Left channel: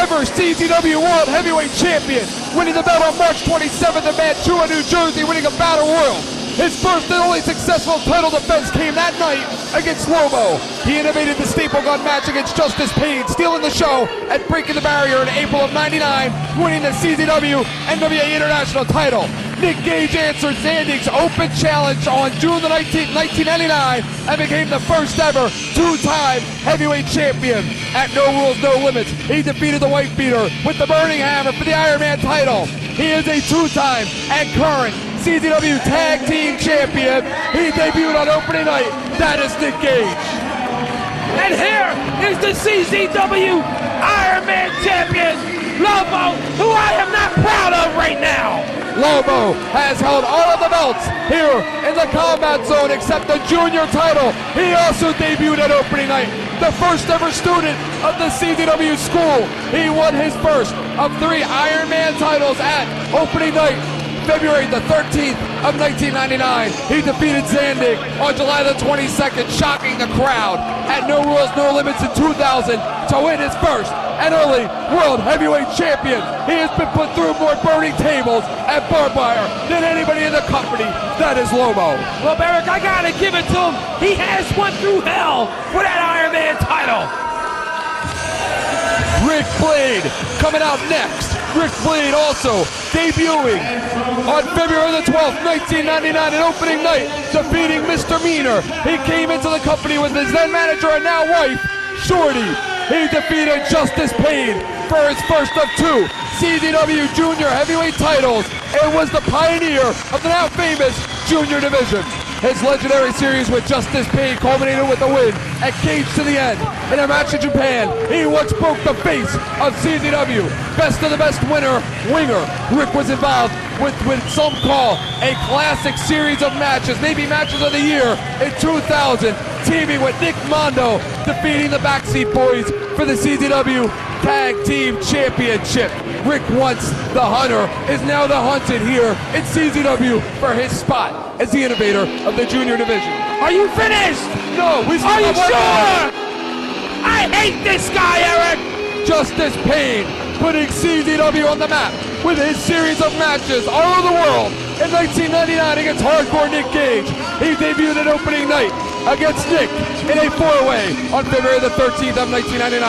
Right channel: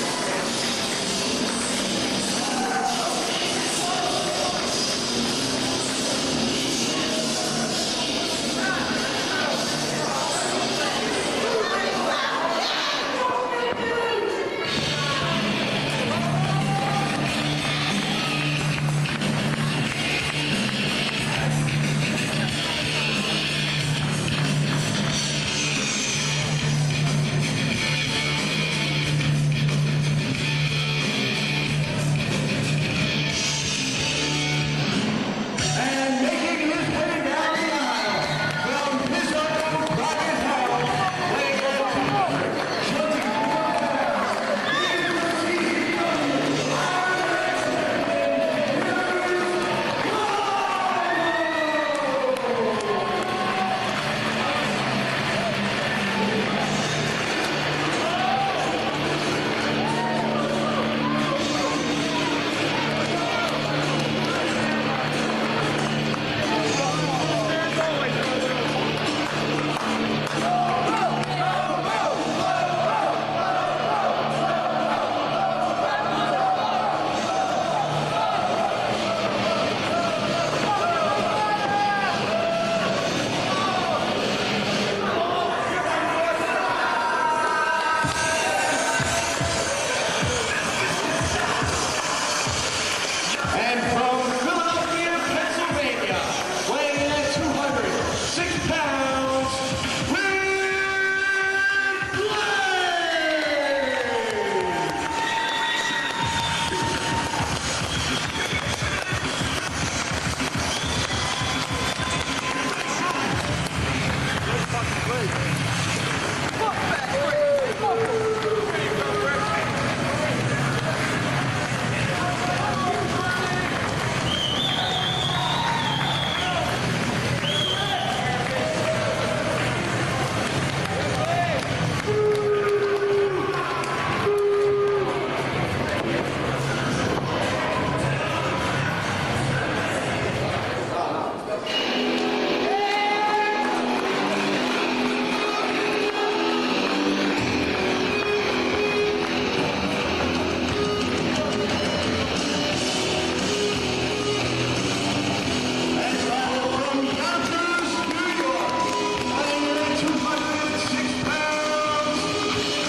ever CZW World Heavyweight Champion, winning the belt on March 27th in Mantua, New Jersey, winning a Battle Royal. His first and only successful title defense came that night against Lobo. He innovated the staple gun match against Justice Payne, stealing the show and breaking the barrier in April of '99, winning the CZW NWA International title. Nick Gage answered Zandig's open challenge on June the 19th, 1999, and became the first ever two-time heavyweight champion. At No Rules, No Limits, he defeated the White Beater with the Burning Hammer for the Iron Man title. He is a two-time and current CZW Tag Team Champion. He debuted on opening night. That is Nick Gage. And here is the CZW Iron Man Champion, Lobo, who I am not proud of right now. Lobo has held all of the belts here in the Combat Zone except the junior title. He also debuted at opening night. The first ever student of the CZW school. He won his first of 3 Iron Man titles at opening night, February the 13th of 1999. He defeated Zandig on July the 22nd, shocking the crowd at No Rules, No Limits in 2000 to win his first and only World Heavyweight Champion. He has been put through more burning tables and barbed wire than anybody in the company. That is Lobo. Well, Eric, I gotta give it to him. He has went through hell for that Iron Man title. Ric Blade coming out next. Ric Blade also debuting on February the 12th, 1999, an opening night, defeating Mr. Meaner. He came into the company with his then manager and now wife, Shorty. He defeated Justice Payne for his first of 2 CZW Junior Heavyweight titles and was the pioneer of the now famous Junior Division. His legendary series with Justice Payne culminated with a win at Gage to the end. In a match in Japan, he once broke the face of CZW. Best of the best winger. Rick was involved with some call a classic series of matches, maybe matches of the year in 2000, teaming with Nick Mondo, defeating the Backseat Boys for the CZW Tag Team Championship. Rick, once the hunter, is now the hunted here in CZW for his spot as the innovator of the Junior Division. Are you finished? No, are you sure? I hate this guy, Eric. Justice Payne putting CZW on the map with his series of matches all over the world. In 1999 against hardcore Nick Gage, he debuted at opening night against Nick in a 4-way on February the 13th of 1999.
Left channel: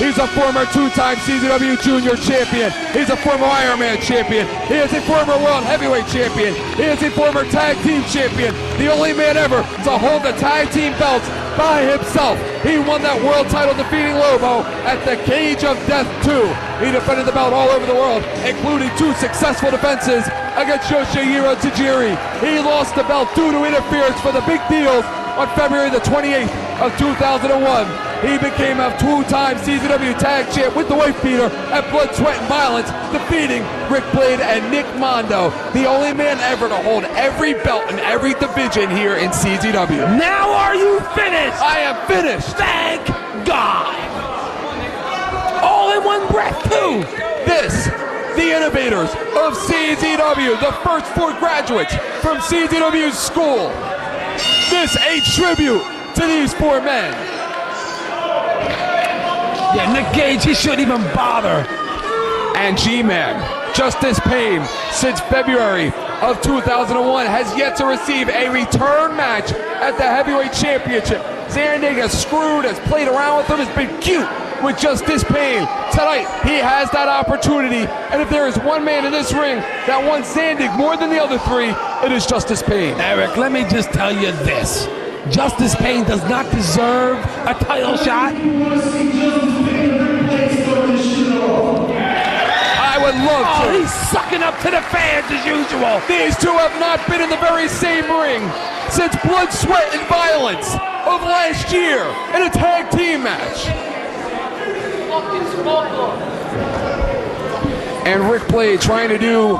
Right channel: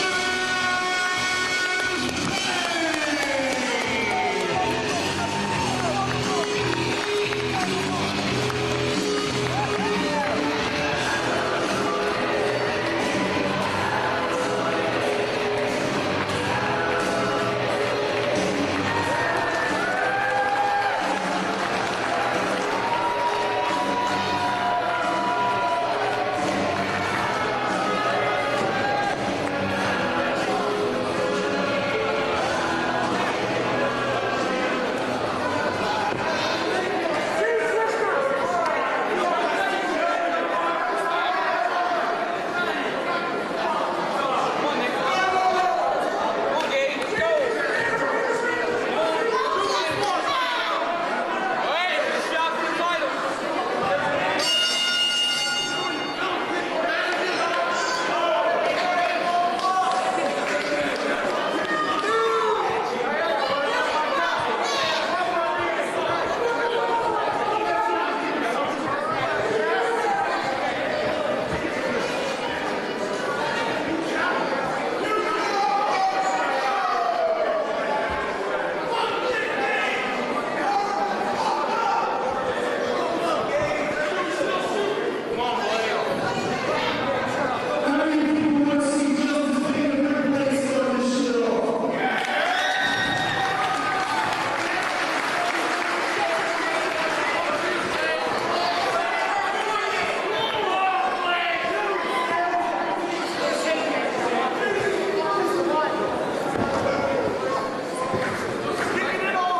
He's a former 2-time CZW Junior Champion. He's a former Iron Man Champion. He is a former World Heavyweight Champion. He is a former Tag Team Champion. The only man ever to hold the Tag Team belts by himself. He won that world title defeating Lobo at the Cage of Death 2. He defended the belt all over the world, including 2 successful defenses against Yoshihiro Tajiri. He lost the belt due to interference for the big deals on February the 28th of 2001. He became a 2-time CZW Tag Champ with the White Beater at Blood, Sweat, and Violence, defeating Ric Blade and Nick Mondo, the only man ever to hold every belt in every division here in CZW. Now are you finished? I am finished. Thank God. All in one breath, too. This, the innovators of CZW, the first 4 graduates from CZW's school. This a tribute to these 4 men. Yeah, Nick Gage, he shouldn't even bother. And G-Man, Justice Payne, since February of 2001, has yet to receive a return match at the Heavyweight Championship. Zandig has screwed, has played around with him, has been cute with Justice Payne. Tonight, he has that opportunity, and if there is one man in this ring that wants Zandig more than the other 3, it is Justice Payne. Eric, let me just tell you this. Justice Payne does not deserve a title shot. He's sucking up to the fans as usual. These 2 have not been in the very same ring since Blood, Sweat, and Violence of last year in a tag team match. And Ric Blade trying to do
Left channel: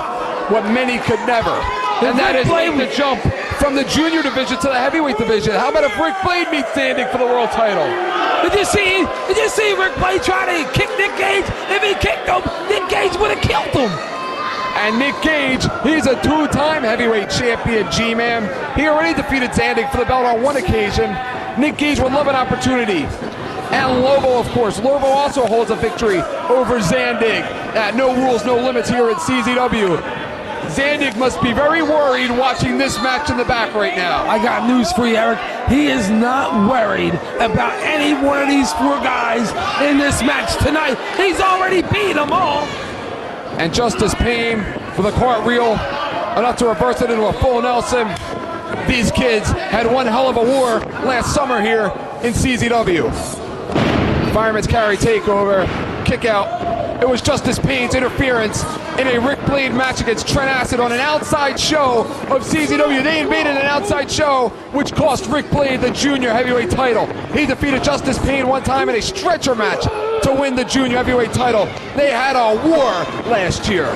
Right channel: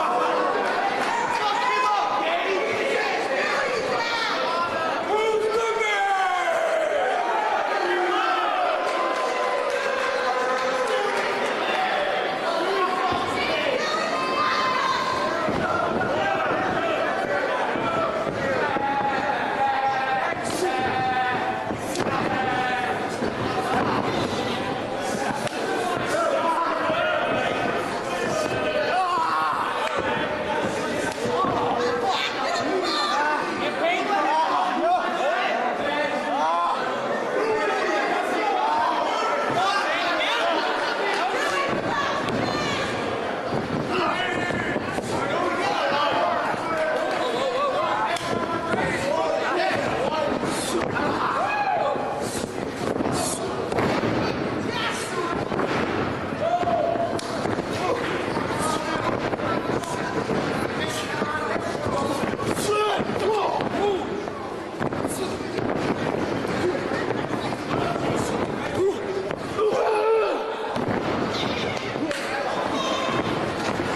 what many could never, and that is make the jump from the Junior Division to the Heavyweight Division. How about if Ric Blade meets Zandig for the world title? Did you see Ric Blade trying to kick Nick Gage? If he kicked him, Nick Gage would have killed him. And Nick Gage, he's a 2-time heavyweight champion, G-Man. He already defeated Zandig for the belt on 1 occasion. Nick Gage would love an opportunity at And Lobo, of course. Lobo also holds a victory over Zandig at No Rules, No Limits here at CZW. Zandig must be very worried watching this match in the back right now. I got news for you, Eric. He is not worried about any one of these four guys in this match tonight. He's already beat them all. And Justice Payne for the cartwheel, enough to reverse it into a full Nelson. These kids had one hell of a war last summer here in CZW. Fireman's carry takeover, kick out. It was Justice Payne's interference in a Ric Blade match against Trent Acid on an outside show of CZW. They invaded an outside show, which cost Ric Blade the junior heavyweight title. He defeated Justice Payne one time in a stretcher match to win the junior heavyweight title. They had a war last year.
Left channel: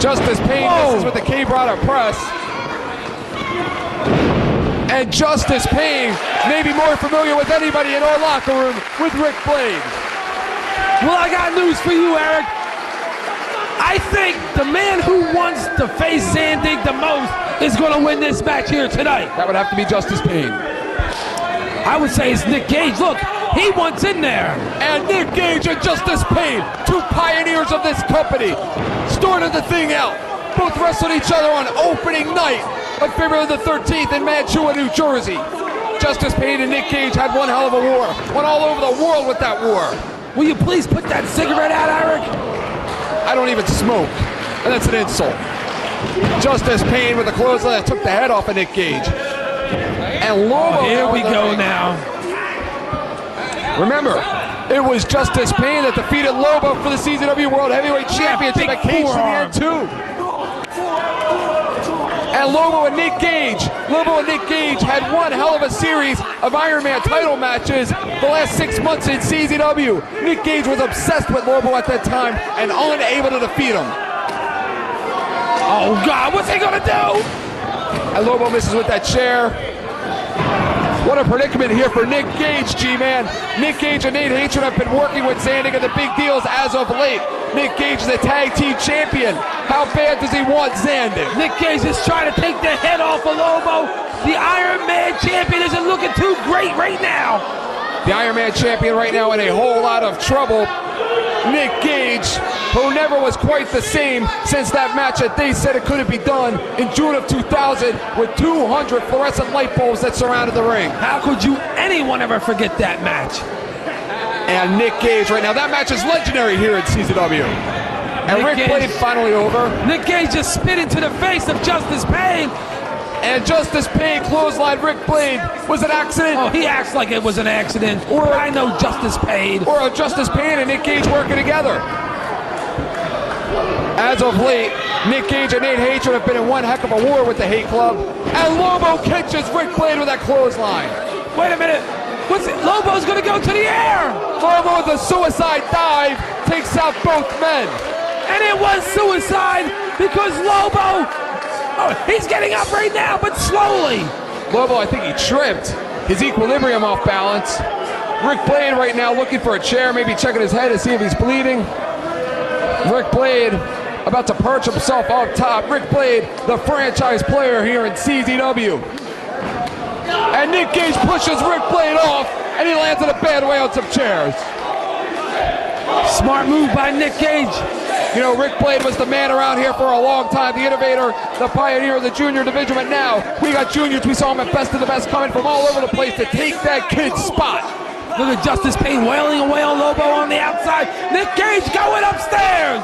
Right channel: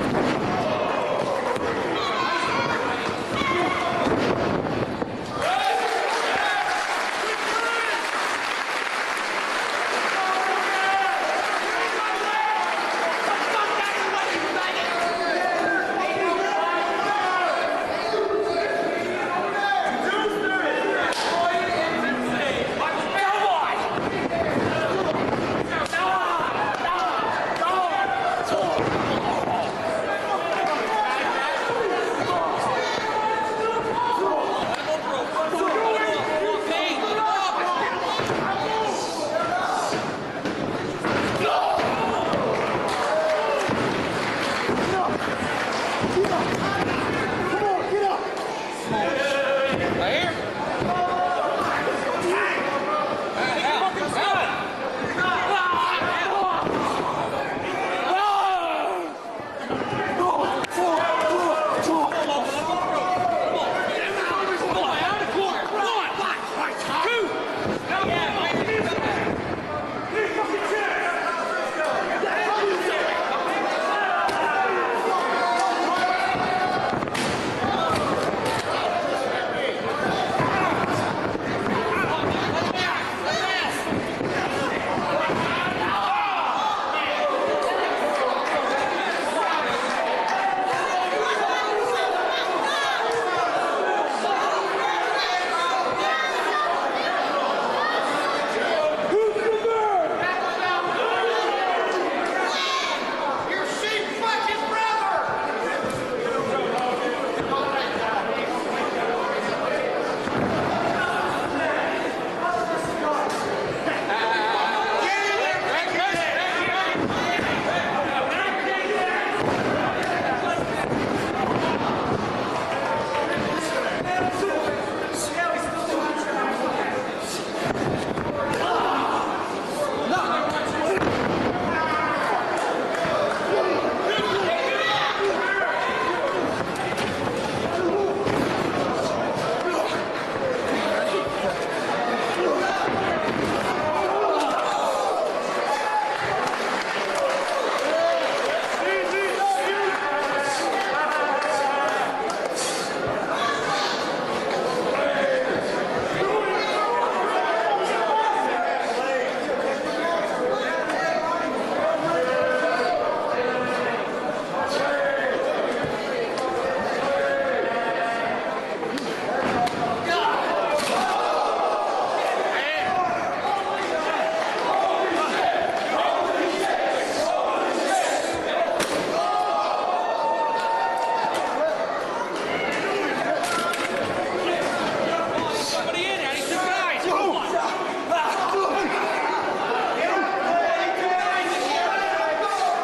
Justice Payne misses with the K-Brada press. And Justice Payne may be more familiar with anybody in our locker room with Ric Blade. Well, I got news for you, Eric. I think the man who wants to face Zandig the most is going to win this match here tonight. That would have to be Justice Payne. I would say it's Nick Gage. Look, he wants in there. And Nick Gage and Justice Payne, two pioneers of this company, started the thing out. Both wrestled each other on opening night of February the 13th in Mantua, New Jersey. Justice Payne and Nick Gage had one hell of a war. Went all over the world with that war. Will you please put that cigarette out, Eric? I don't even smoke, and that's an insult. Justice Payne with a clothesline that took the head off of Nick Gage. And Lobo. Here we go now. Remember, it was Justice Payne that defeated Lobo for the CZW World Heavyweight Championship at Cage from here too. And Lobo and Nick Gage had one hell of a series of Iron Man title matches the last 6 months in CZW. Nick Gage was obsessed with Lobo at that time and unable to defeat him. Oh God, what's he gonna do? And Lobo misses with that chair. What a predicament here for Nick Gage, G-Man. Nick Gage and Nate Hatred have been working with Zandig at the big deals as of late. Nick Gage is the tag team champion. How bad does he want Zandig? Nick Gage is trying to take the head off of Lobo. The Iron Man champion isn't looking too great right now. The Iron Man champion right now in a whole lot of trouble. Nick Gage, who never was quite the same since that match that they said it couldn't be done in June of 2000 with 200 fluorescent light bulbs that surrounded the ring. How could anyone ever forget that match? And Nick Gage right now, that match is legendary here at CZW. And Ric Blade finally over. Nick Gage just spit into the face of Justice Payne. And Justice Payne clothesline Ric Blade was an accident. Oh, he acts like it was an accident. Or I know Justice Payne. Or Justice Payne and Nick Gage working together. As of late, Nick Gage and Nate Hatred have been in one heck of a war with the Hate Club. And Lobo catches Ric Blade with that clothesline. Wait a minute. What's it? Lobo's going to go to the air. Lobo, the suicide dive, takes out both men. And it was suicide because Lobo, he's getting up right now, but slowly. Lobo, I think he tripped. His equilibrium off balance. Ric Blade right now looking for a chair, maybe checking his head to see if he's bleeding. Ric Blade about to perch himself up top. Ric Blade, the franchise player here in CZW. And Nick Gage pushes Ric Blade off, and he lands in a bad way on some chairs. Smart move by Nick Gage. You know, Ric Blade was the man around here for a long time, the innovator, the pioneer of the junior division, but now we got juniors, we saw him at Best of the Best coming from all over the place to take that kid's spot. Look at Justice Payne wailing away on Lobo on the outside. Nick Gage going upstairs.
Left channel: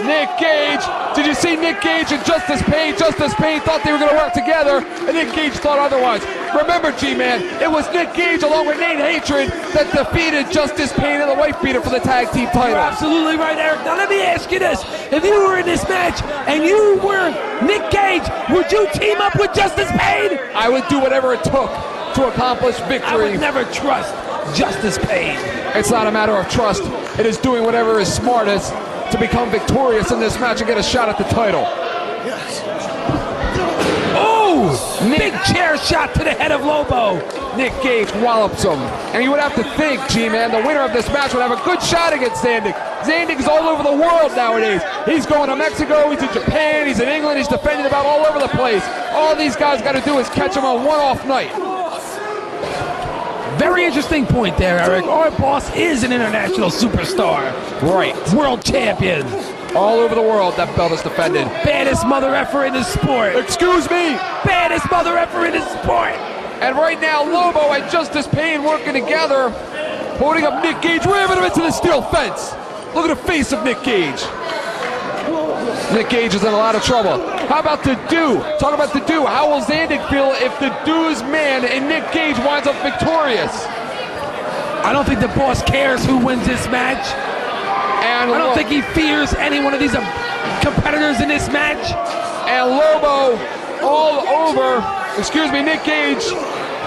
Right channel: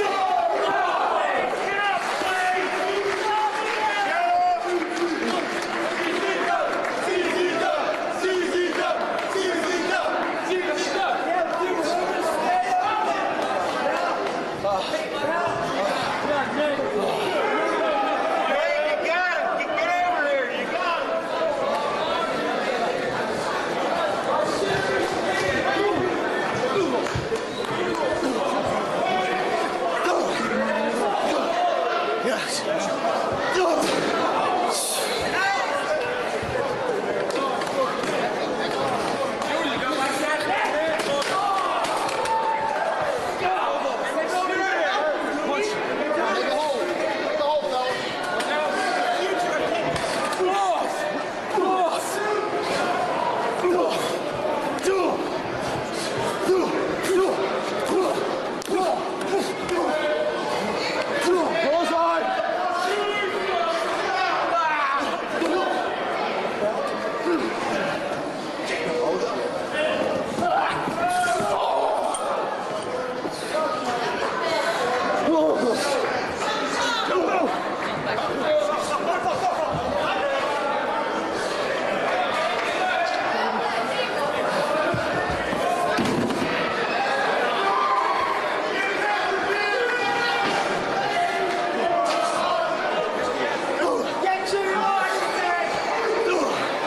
Nick Gage, did you see Nick Gage and Justice Payne? Justice Payne thought they were going to work together, and Nick Gage thought otherwise. Remember, G-Man, it was Nick Gage along with Nate Hatred that defeated Justice Payne and the White Beater for the tag team title. Absolutely right, Eric. Now let me ask you this. If you were in this match and you were Nick Gage, would you team up with Justice Payne? I would do whatever it took to accomplish victory. Never trust Justice Payne. It's not a matter of trust. It is doing whatever is smartest to become victorious in this match and get a shot at the title. Yes. Oh! Big chair shot to the head of Lobo. Nick Gage wallops him. And you would have to think, G-Man, the winner of this match would have a good shot against Zandig. Zandig's all over the world nowadays. He's going to Mexico, he's in Japan, he's in England, he's defending about all over the place. All these guys got to do is catch him on one-off night. Very very interesting point there, Eric. Our boss is an international superstar. Right. World champion. All over the world, that belt is defended. Baddest mother effer in the sport. Excuse me. Baddest mother effer in the sport. And right now, Lobo and Justice Pain working together, holding up Nick Gage, ramming him into the steel fence. Look at the face of Nick Gage. Nick Gage is in a lot of trouble. How about the Do? Talk about the Do. How will Zandig feel if the Do's man and Nick Gage winds up victorious? I don't think the boss cares who wins this match. And I don't think he fears any one of these competitors in this match. And Lobo all over, excuse me, Nick Gage,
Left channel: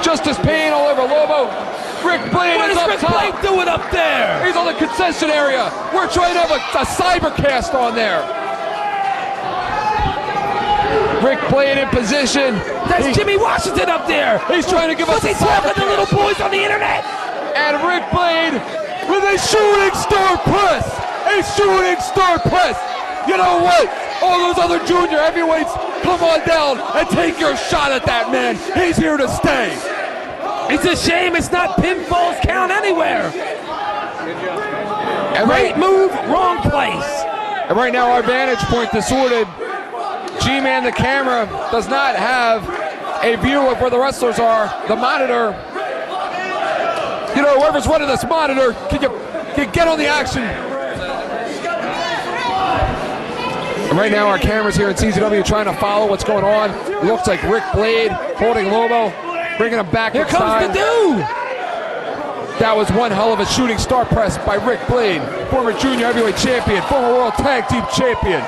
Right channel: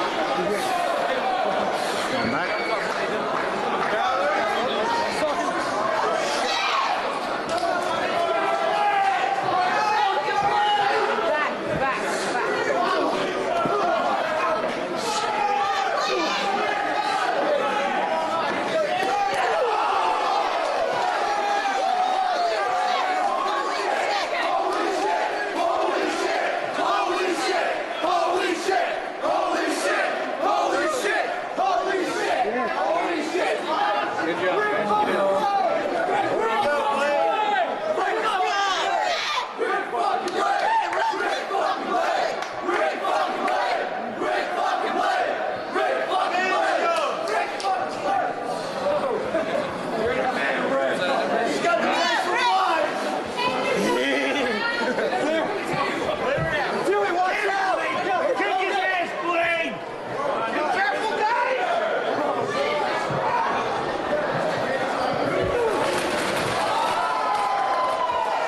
Justice Pain all over Lobo. Ric Blade is up top. Ric Blade doing up there? He's on the concession area. We're trying to have a cybercast on there. Ric Blade in position. There's Jimmy Washington up there. He's trying to give us a talking to the little boys on the internet. And Ric Blade with a shooting star press. A shooting star press. You know what? All those other junior heavyweights, come on down and take your shot at that man. He's here to stay. It's a shame it's not pinballs count anywhere. Great move, wrong place. And right now our vantage point distorted. G-Man, the camera, does not have a view of where the wrestlers are. The monitor, you know, whoever's running this monitor can get on the action. Right now our cameras here at CZW trying to follow what's going on. It looks like Ric Blade holding Lobo, bringing him back inside. Here comes the Dude. That was one hell of a shooting star press by Ric Blade, former junior heavyweight champion, former world tag team champion.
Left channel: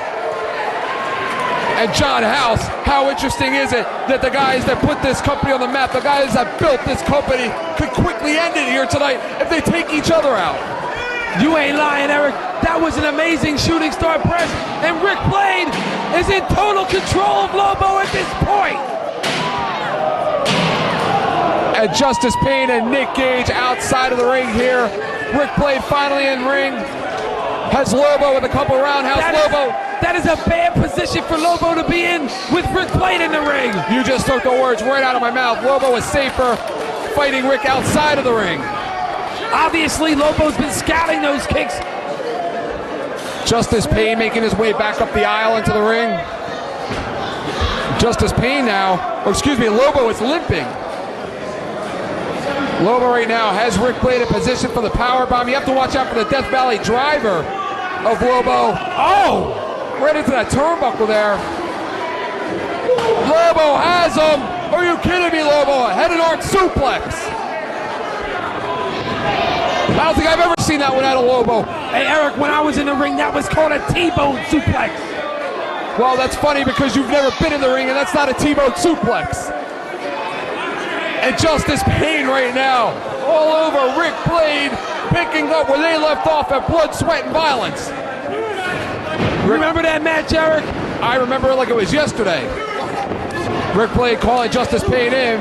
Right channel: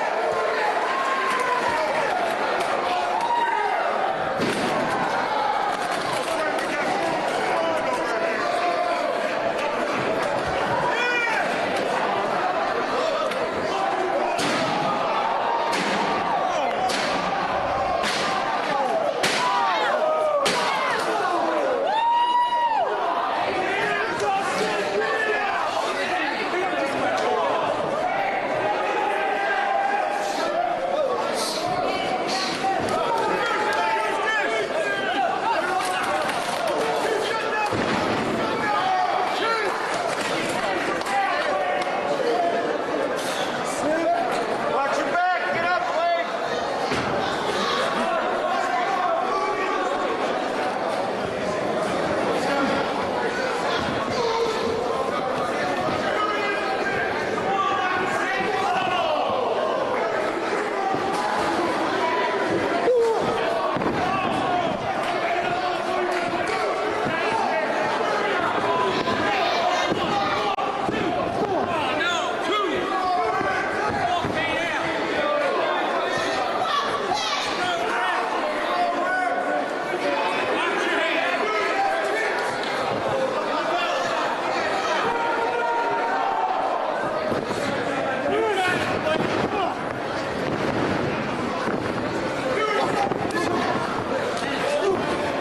And John House, how interesting is it that the guys that put this company on the map, the guys that built this company, could quickly end it here tonight if they take each other out. You ain't lying, Eric. That was an amazing shooting star press. And Ric Blade is in total control of Lobo at this point. And Justice Pain and Nick Gage outside of the ring here. Ric Blade finally in ring. Has Lobo with a couple roundhouse. Lobo. That is a bad position for Lobo to be in with Ric Blade in the ring. You just took the words right out of my mouth. Lobo is safer fighting Rick outside of the ring. Obviously, Lobo's been scouting those kicks. Justice Pain making his way back up the aisle into the ring. Justice Pain now, Lobo is limping. Lobo right now has Ric Blade in position for the powerbomb. You have to watch out for the Death Valley driver of Lobo. Oh! Right into that turnbuckle there. Lobo has him. Are you kidding me, Lobo? A headed arch suplex. I don't think I've ever seen that one out of Lobo. Hey, Eric, when I was in the ring, that was called a T-bone suplex. Well, that's funny because you've never been in the ring, and that's not a T-bone suplex. And Justice Pain right now, all over Ric Blade, picking up where they left off at Blood, Sweat, and Violence. Remember that match, Eric? I remember it like it was yesterday. Ric Blade calling Justice Pain in.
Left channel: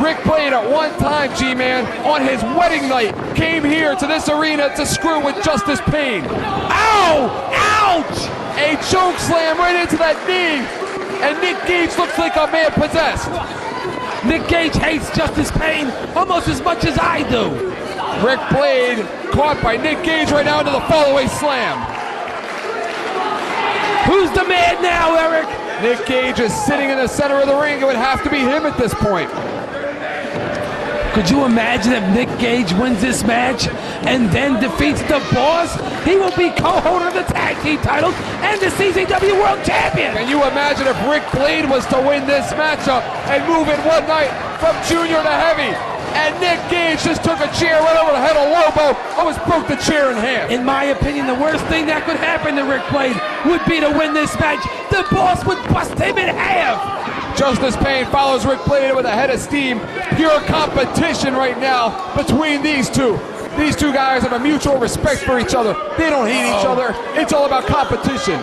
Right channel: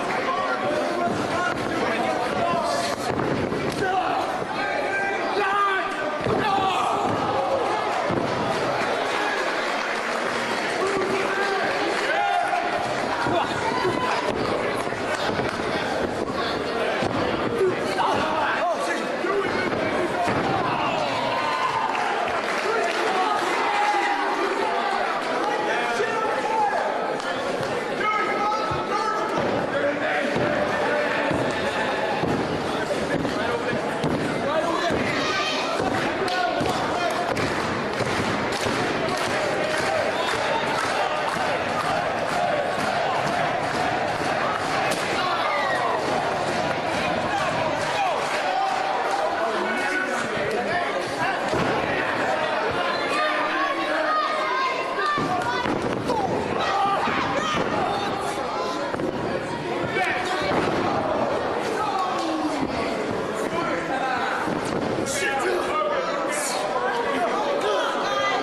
Ric Blade at one time, G-Man, on his wedding night, came here to this arena to screw with Justice Pain. Ow! Ouch! A choke slam right into that knee. And Nick Gage looks like a man possessed. Nick Gage hates Justice Pain almost as much as I do. Ric Blade caught by Nick Gage right now into the fallaway slam. Who's the man now, Eric? Nick Gage is sitting in the center of the ring. It would have to be him at this point. Could you imagine if Nick Gage wins this match and then defeats the boss? He will be co-holder of the tag team titles and the CZW World Champion. Can you imagine if Ric Blade was to win this matchup and move in one night from junior to heavy, and Nick Gage just took a chair right over the head of Lobo, almost broke the chair in half. In my opinion, the worst thing that could happen to Ric Blade would be to win this match. The boss would bust him in half. Justice Pain follows Ric Blade with a head of steam. Pure competition right now between these two. These two guys have a mutual respect for each other. They don't hate each other. It's all about competition.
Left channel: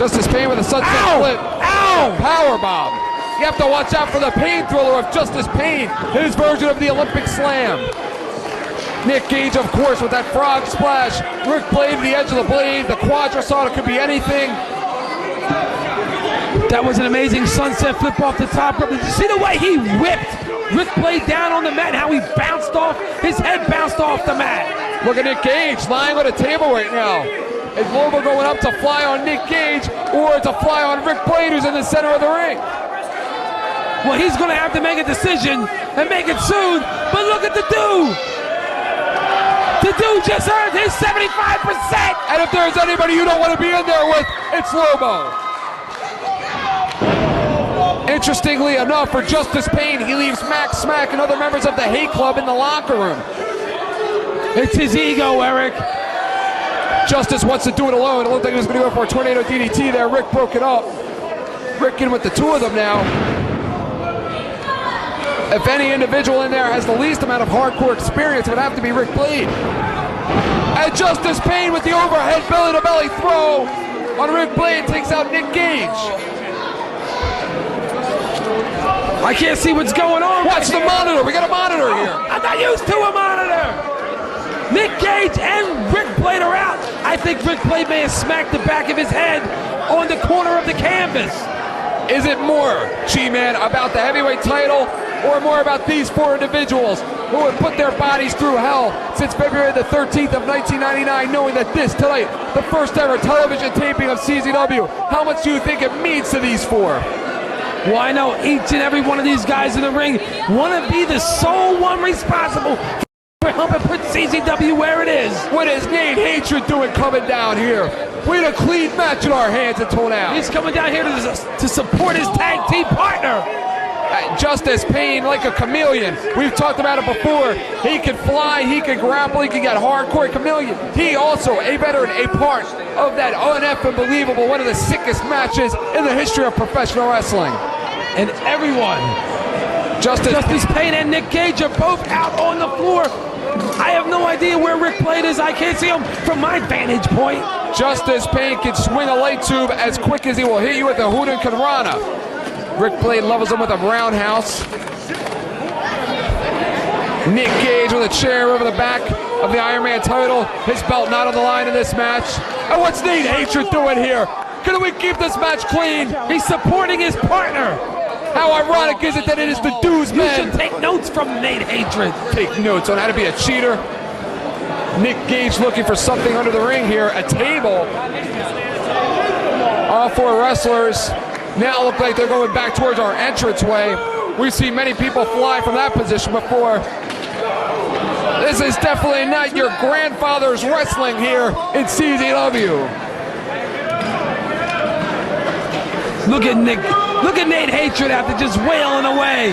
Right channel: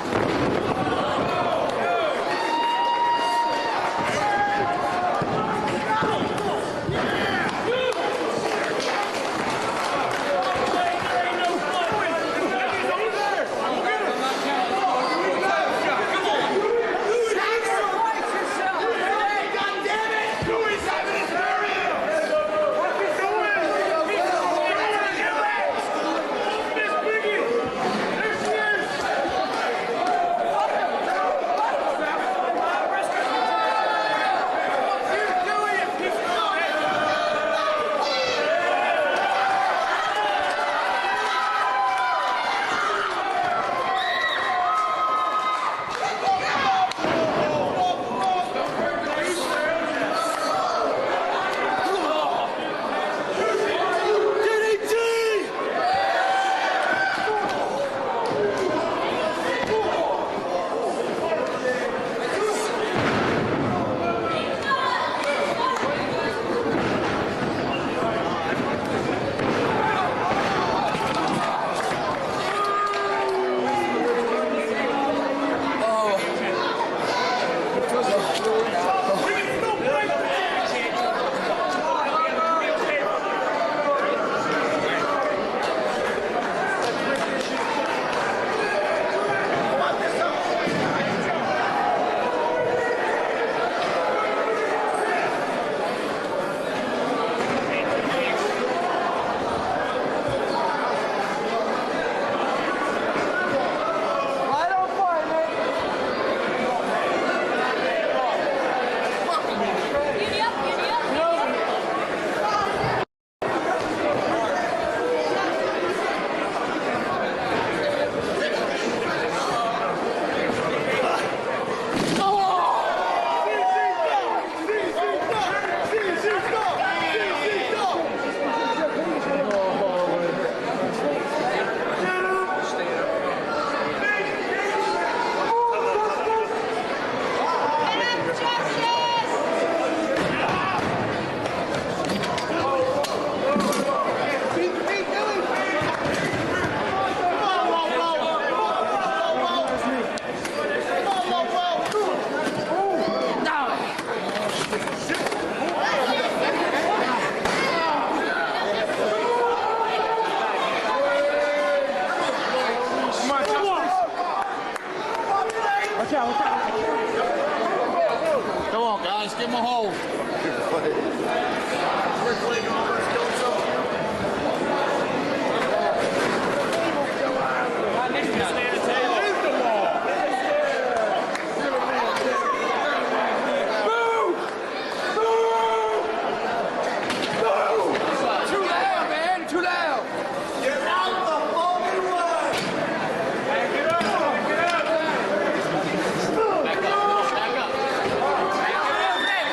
Justice Pain with a sunset flip. Ow! Powerbomb. You have to watch out for the pain thriller of Justice Pain, his version of the Olympic Slam. Nick Gage, of course, with that frog splash. Ric Blade, the edge of the blade. The quadricep could be anything. That was an amazing sunset flip off the top. Did you see the way he whipped Ric Blade down on the mat? How he bounced off, his head bounced off the mat. Look at Nick Gage lying on the table right now. Is LOBO going up to fly on Nick Gage or to fly on Ric Blade, who's in the center of the ring? Well, he's going to have to make a decision and make it soon. But look at the dude. The dude just earned his 75%. And if there's anybody you don't want to be in there with, it's LOBO. Interestingly enough, for Justice Pain, he leaves Max Smack and other members of the Hate Club in the locker room. It's his ego, Eric. Justice wants to do it alone. It looked like he was going to go for a tornado DDT there. Rick broke it up. Rick in with the two of them now. If any individual in there has the least amount of hardcore experience, it'd have to be Ric Blade. And Justice Pain with the overhead belly-to-belly throw on Ric Blade takes out Nick Gage. I can't see what's going on. Watch the monitor. We got a monitor here. I'm not used to a monitor. Nick Gage and Ric Blade are out. I think Ric Blade may have smacked the back of his head on the corner of the canvas. Is it more, G-Man, about the heavyweight title or more about these four individuals who have put their bodies through hell since February the 13th of 1999, knowing that this tonight, the first ever television taping of CZW, how much do you think it means to these four? Well, I know each and every one of these guys in the ring want to be the sole one responsible for helping put CZW where it is. What is Gage Hatred doing coming down here? We had a clean match in our hands until now. He's coming down here to support his tag team partner. Justice Pain like a chameleon. We've talked about it before. He can fly, he can grapple, he can get hardcore chameleon. He also a part of that unbelievable, one of the sickest matches in the history of professional wrestling. And everyone, Justice Pain and Nick Gage are both out on the floor. I have no idea where Ric Blade is. I can't see him from my vantage point. Justice Pain can swing a light tube as quick as he will hit you with a Hurricane Rana. Ric Blade levels him with a roundhouse. Nick Gage with a chair over the back of the Iron Man title. His belt not on the line in this match. And what's Nate Hatred doing here? Can we keep this match clean? He's supporting his partner. How ironic is it that it is the Dues You Man? should take notes from Nate Hatred. Take notes on how to be a cheater. Nick Gage looking for something under the ring here. A table. All four wrestlers now look like they're going back towards our entranceway. We've seen many people fly from that position before. This is definitely not your grandfather's wrestling here in CZW. Look at Nick. Look at Nate Hatred after just wailing away.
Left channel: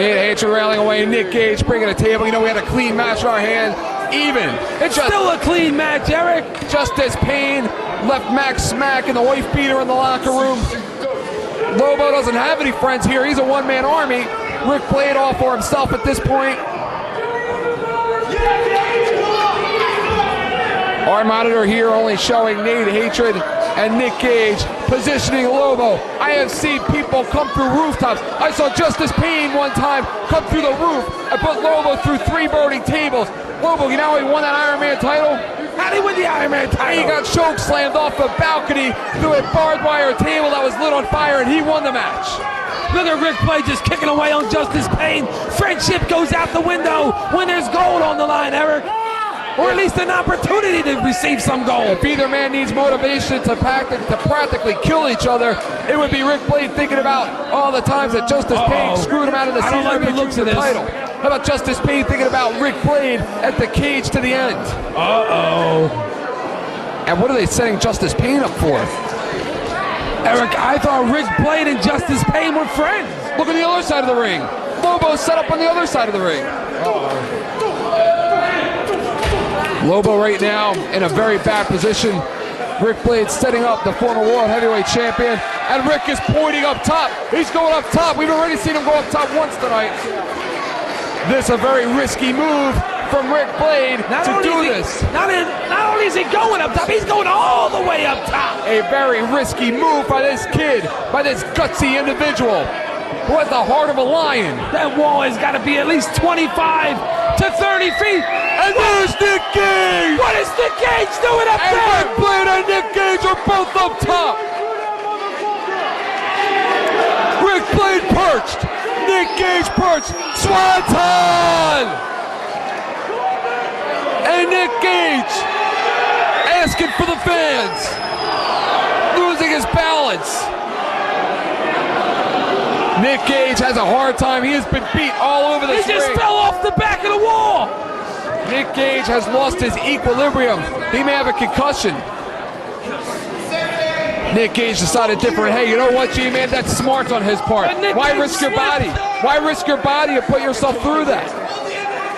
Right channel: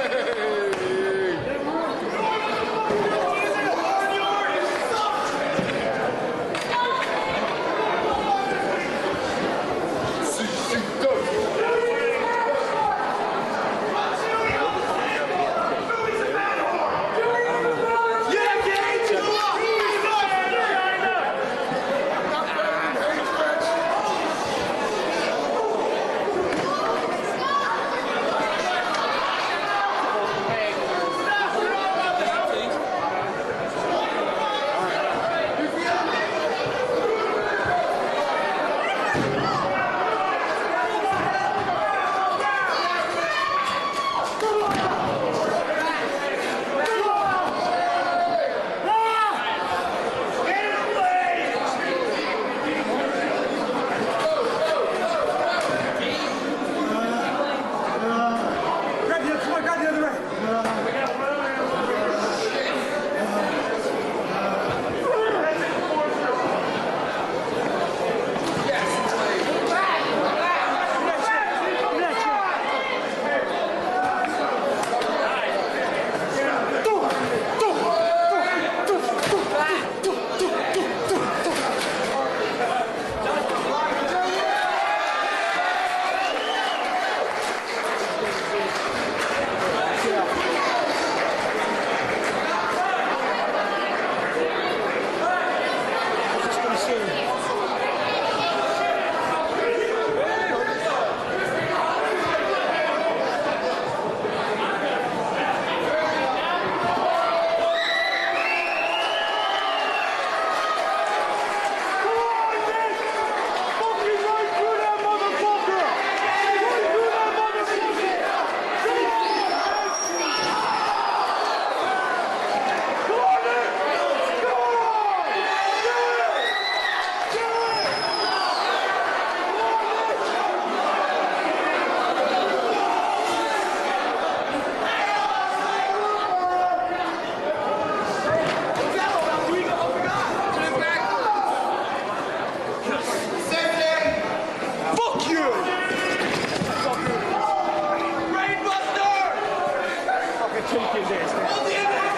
Nate Hatred railing away. Nick Gage bringing a table. You know we had a clean match in our hands. Even. It's still a clean match, Eric. Justice Pain left Max Smack and the wife beater in the locker room. LOBO doesn't have any friends here. He's a one-man army. Ric Blade all for himself at this point. Our monitor here only showing Nate Hatred and Nick Gage positioning LOBO. I have seen people come through rooftops. I saw Justice Pain one time come through the roof and put LOBO through 3 voting tables. LOBO, you know he won that Iron Man title? How did he win the Iron Man title? He got choke slammed off the balcony through a barbed wire table that was lit on fire, and he won the match. Look at Ric Blade just kicking away on Justice Pain. Friendship goes out the window when there's gold on the line, Eric. Or at least an opportunity to receive some gold. If either man needs motivation to practically kill each other, it would be Ric Blade thinking about all the times that Justice Pain screwed him out of the title. How about Justice Pain thinking about Ric Blade at the cage to the end? And what are they setting Justice Pain up for? Eric, I thought Ric Blade and Justice Pain were friends. Look at the other side of the ring. LOBO set up on the other side of the ring. LOBO right now in a very bad position. Ric Blade setting up the former World Heavyweight Champion. And Rick is pointing up top. He's going up top. We've already seen him go up top once tonight. This is a very risky move from Ric Blade to do this. Not only is he going up top, he's going all the way up top. A very risky move by this kid, by this gutsy individual. What the heart of a lion. That wall has got to be at least 25 to 30 feet. And there's Nick Gage! What is Nick Gage doing up there? And Ric Blade and Nick Gage are both up top. asking for the fans. Losing his balance. Nick Gage has a hard time. He has been beat all over this He just ring. fell off the back of the wall. Nick Gage has lost his equilibrium. He may have a concussion. Nick Gage decided different. Hey, you know what, G-Man? That's smart on his part. Why risk your body? Why risk your body and put yourself through that?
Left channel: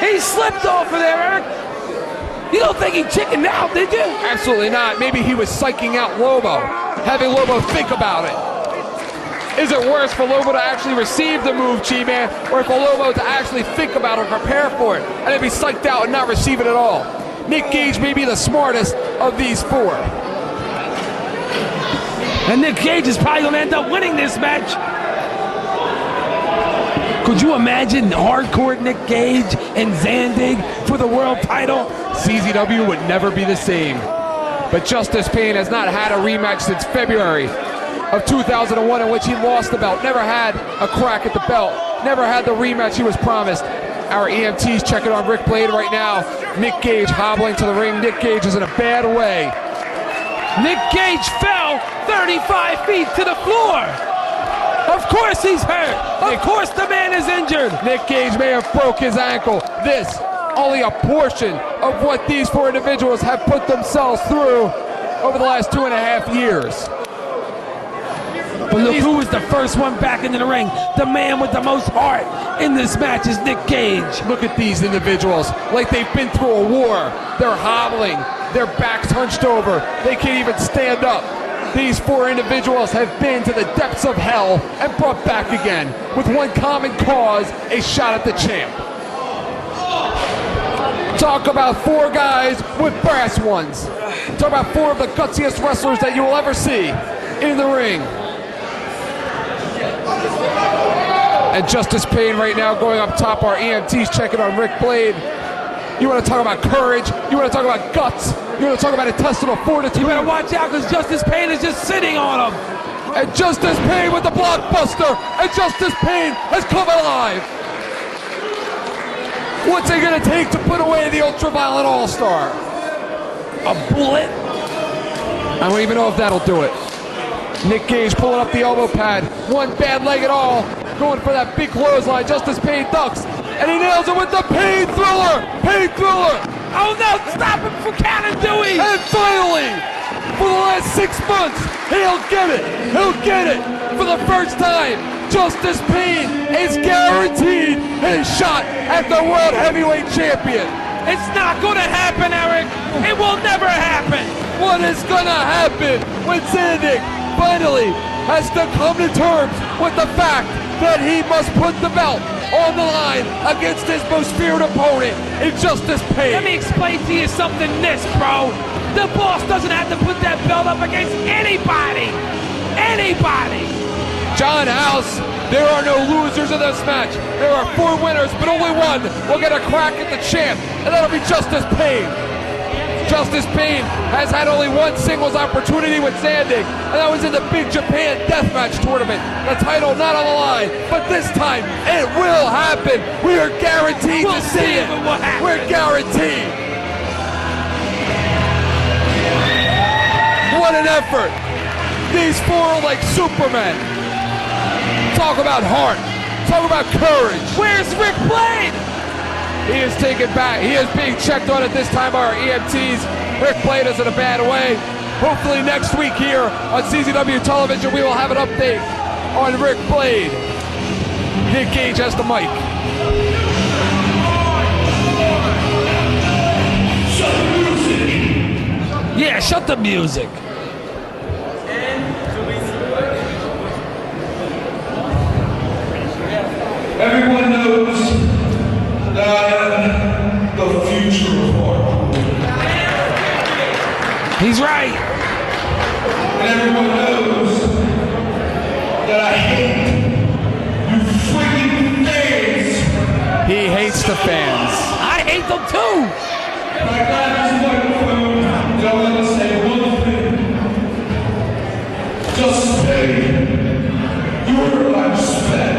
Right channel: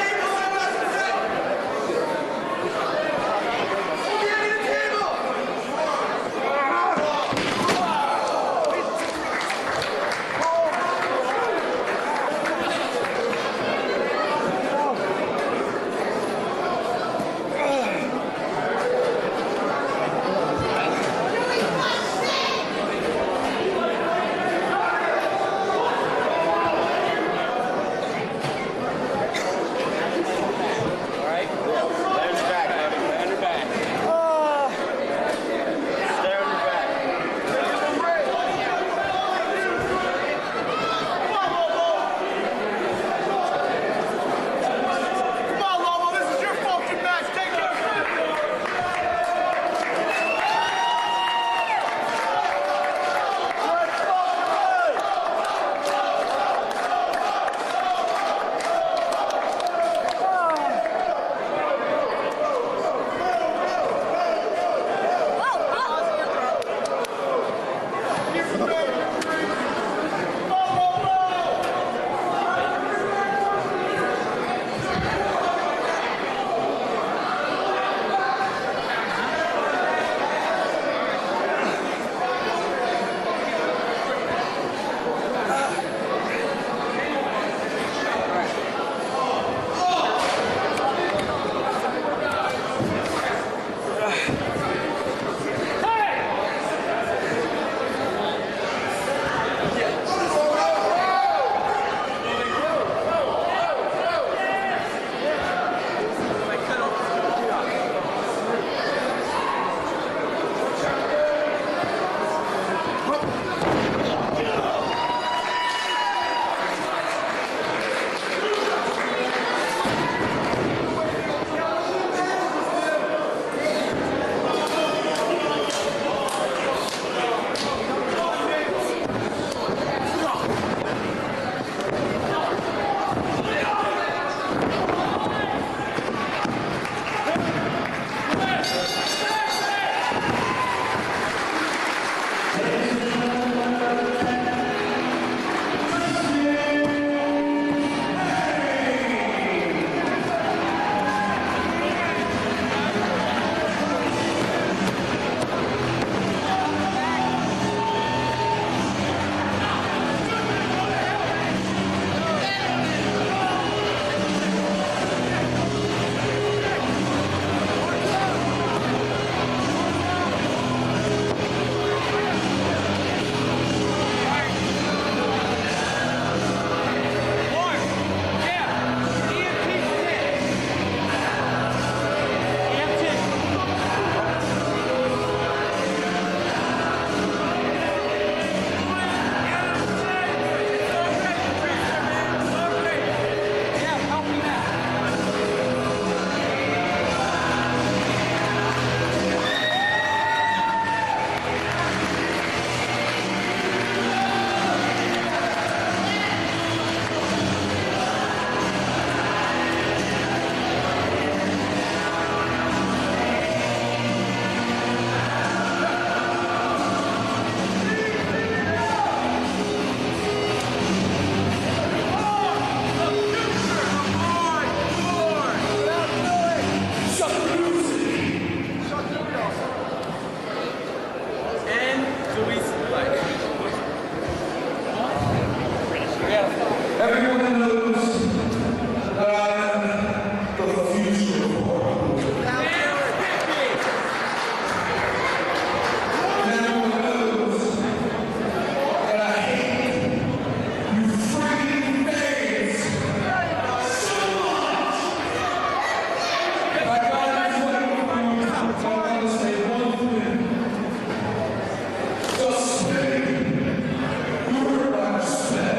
He slipped over there. You don't think he chickened out, did you? Absolutely not. Maybe he was psyching out Lobo, having Lobo think about it. Is it worse for Lobo to actually receive the move, G-Man, or for Lobo to actually think about it or prepare for it, and then be psyched out and not receive it at all? Nick Gage may be the smartest of these four. And Nick Gage is probably going to end up winning this match. Could you imagine hardcore Nick Gage and Zandig for the world title? CZW would never be the same. But Justice Pain has not had a rematch since February of 2001 in which he lost the belt. Never had a crack at the belt. Never had the rematch he was promised. Our EMT's checking on Ric Blade right now. Nick Gage hobbling to the ring. Nick Gage is in a bad way. Nick Gage fell 35 feet to the floor. Of course he's hurt. Of course the man is injured. Nick Gage may have broke his ankle. This, only a portion of what these four individuals have put themselves through over the last 2.5 years. But look who was the first one back into the ring. The man with the most heart in this match is Nick Gage. Look at these individuals, like they've been through a war. They're hobbling, their backs hunched over, they can't even stand up. These four individuals have been to the depths of hell and brought back again with one common cause, a shot at the champ. Talk about four guys with brass ones. Talk about four of the gutsiest wrestlers that you will ever see in the ring. And Justice Pain right now going up top. Our EMT's checking on Ric Blade. You want to talk about courage? You want to talk about guts? You want to talk about intestinal fortitude? You better watch out because Justice Pain is just sitting on him. And Justice Pain with the blockbuster. And Justice Pain has come alive. What's it going to take to put away the Ultraviolet All-Star? A bullet? I don't even know if that'll do it. Nick Gage pulling up the elbow pad. One bad leg at all. Going for that big clothesline. Justice Pain ducks. And he nails it with the Pain Thriller. Pain Thriller. Oh no, stop it for Counter Dewey. And finally, for the last 6 months, he'll get it. He'll get it. For the first time, Justice Pain is guaranteed his shot at the World Heavyweight Champion. It's not going to happen, Eric. It will never happen. What is going to happen when Zandig finally has to come to terms with the fact that he must put the belt on the line against his most feared opponent in Justice Pain? Let me explain to you something bro. The boss doesn't have to put that belt up against anybody. Anybody. John House, there are no losers in this match. There are 4 winners, but only one will get a crack at the champ, and that'll be Justice Pain. Justice Pain has had only one singles opportunity with Zandig, and that was in the Big Japan Deathmatch Tournament. The title not on the line, but this time it will happen. We are guaranteed to see it. We're guaranteed. What an effort. These four are like Superman. Talk about heart. Talk about courage. Where's Ric Blade? He is taken back. He is being checked on at this time by our EMTs. Ric Blade is in a bad way. Hopefully next week here on CZW television we will have an update on Ric Blade. Nick Gage has the mic. Shut the music. Yeah, shut the music. Everyone knows that I am the future of horror. He's right. And everyone knows that I hate you freaking fans. He hates the fans. I hate them too. My God is microphone. So I'm going to say one thing. Just say your lifespan.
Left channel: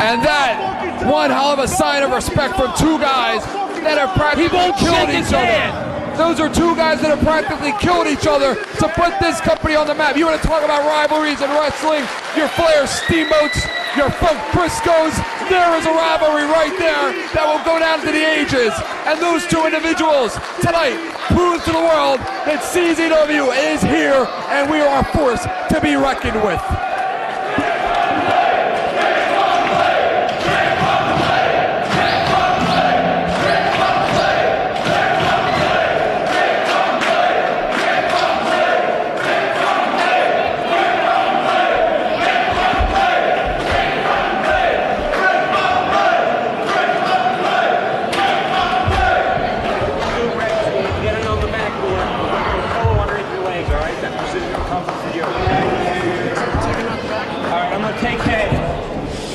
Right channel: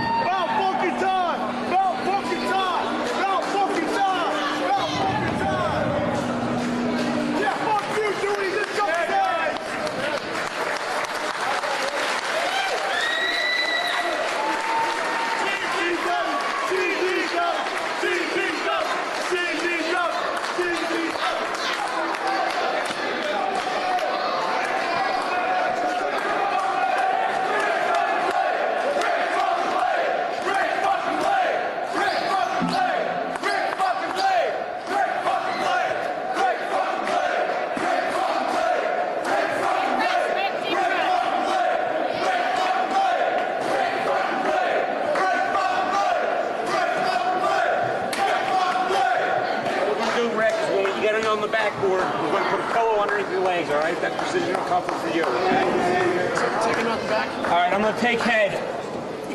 And that, one hell of a sign of respect from two guys that have practically killed each other. Those are two guys guys that have practically killed each other to put this company on the map. You want to talk about rivalries in wrestling? Your Flair Steamboats, your Funk Briscoes. There is a rivalry right there that will go down to the ages. And those two individuals tonight prove to the world that CZW is here and we are a force to be reckoned with. Alright, I'm gonna take head.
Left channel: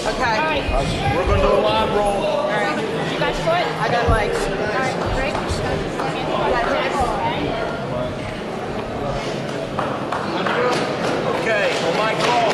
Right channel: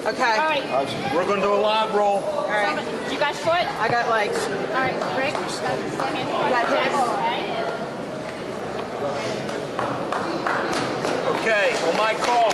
Okay. All right. We're gonna do a live roll. All right. You got foot? I got legs. All right, Rick. Okay, on my call.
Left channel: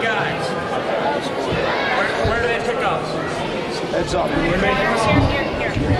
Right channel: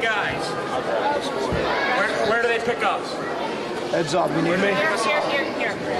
Guys. Where do they pick up? Heads up. Here.